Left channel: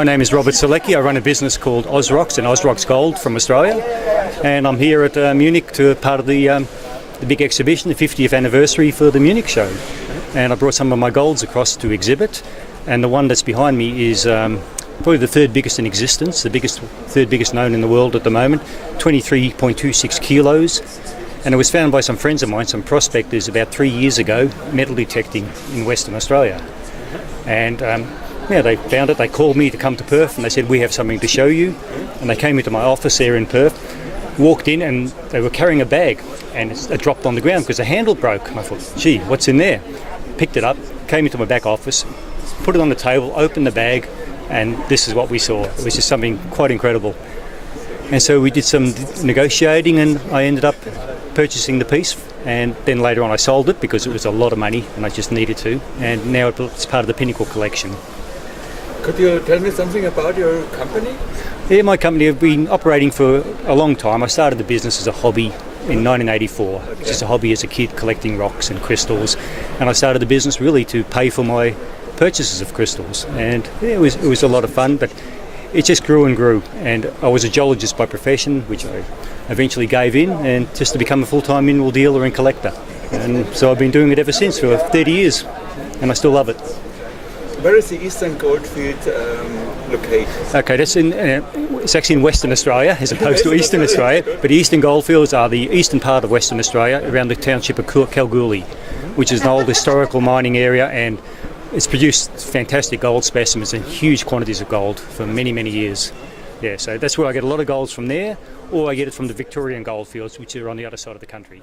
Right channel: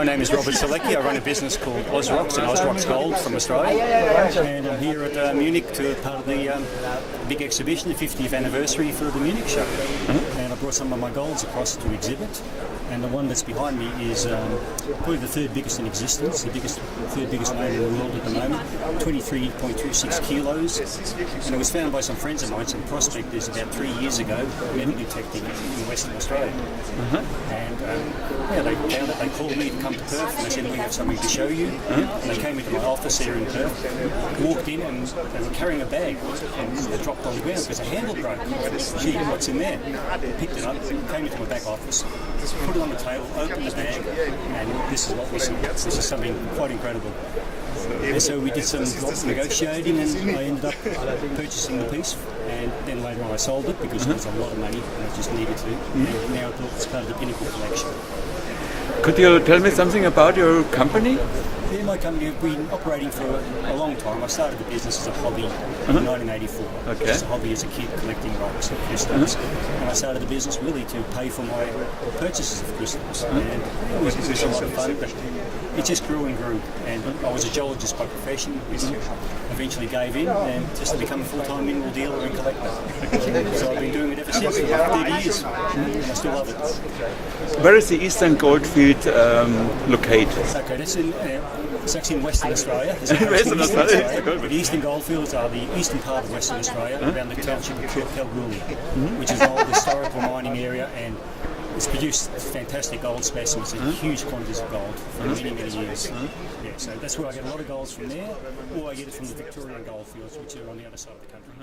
My name is Robert Sielecki. I run a business called Ausrox and Ausrox Gold from Australia, and I'm here at Munich to part of the big exhibition, the 50th anniversary for the Munich show. And I brought some of my golds across to exhibit, and the one that's behind me is probably the third biggest in existence, third biggest known in the world at the moment, 23.26 kilos. And it was found by some friends of mine, some prospectors, about 3 years ago, metal detecting in Western Australia. And they found it, they called me to come to Perth, and they said, we have something to show you. And they came into my office there in Perth, walked in, and they were carrying a bag, and it dropped on the ground because the handle broke. And I thought, gee, what's in there? Picked it up, came into my back office, put it on the table, opened the bag, and this is what we saw. It was just something quite incredible. And so we did some negotiating, and I ended up purchasing the piece, and then later on I sold it because it was a lot of money and I just needed to, and now it's part of the Pinnacle Collection. Could you tell me something about your company? Yeah, my company have been operating for a long time. I started the business as a hobby in 1984, just a hobby as a kid collecting rocks and crystals, and I started the business really to pay for my purchases of crystals, and it was a lot of fun, but it just grew and grew, and I was a geologist by profession, which I eventually gave in, and just to become a full-time mineral dealer and collector. And so I've been doing it ever since for 30 years, and I still love it. Where is the Eastern Goldfield located? Okay, it's actually in Western Australia as opposed to Eastern Australia, but the Eastern Goldfields are the eastern part of Western Australia, around the township of Kalgoorlie, which is an old historical mining area, and it's produced fantastic gold specimens and huge quantities of gold for many, many years. Yeah, so that's where I get a lot of golds from there, or I get it from the Victorian goldfields, which are on the other side of the country.